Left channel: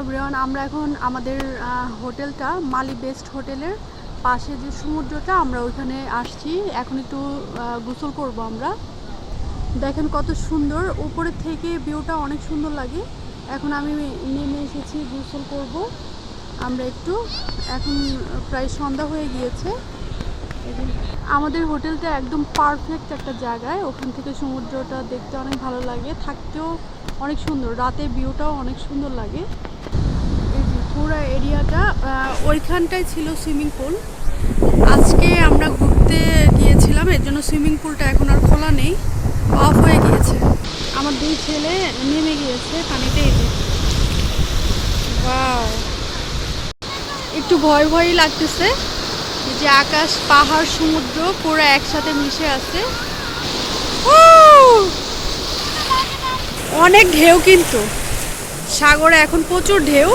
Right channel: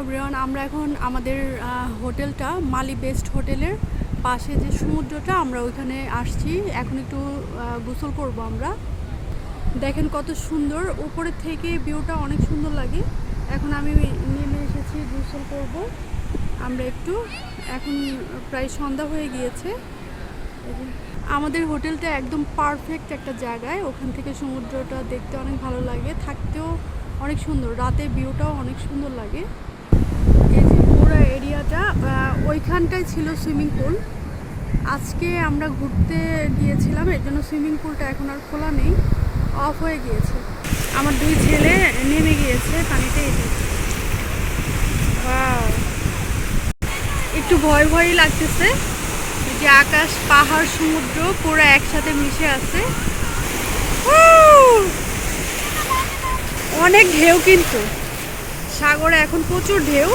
Everyone আমরা এখন আমাদের হোটেলটা মালি বেস্ট হোটেলের পাশে যে সমুদ্রটা, আমরা ওইখানে আসছি। এখন একটু গোসল করব আমরা। দেখেন কত সুন্দর। উপরের থেকে ভিউটা অনেক সুন্দর লাগে। এখন আমি নেমে এসেছি, গোসল করব। আমরা একটু, এখন প্রায় সন্ধ্যা হয়ে গিয়েছে। আমাদের হোটেলটা একদম পারফেক্ট একটা জায়গায়। ওখান থেকে সমুদ্রটা দেখতে অনেক ভালো লাগে, থাকতেও অনেক সুন্দর। রাতে ভিউটাও অনেক সুন্দর লাগে এই যে পুরো এরিয়াটা আহ, ওইখানটায় ছিল সুইমিং পুল। আজকে আমরা ঘুরতে গিয়েছিলাম এর জন্য সুইমিং পুলটা এখন আর খোলা নেই অফ হয়ে গিয়েছে। আমার দুই ছেলে নেমে গিয়েছে পানিতে এই যে। একটু ভয় ভয়ই লাগতেছে যে আকাশ পাহাড় সমুদ্র পুরো একসাথে মিশে আছে! অনেক ঢেউ কিন্তু। সাগরে এখন প্রচুর ঢেউ।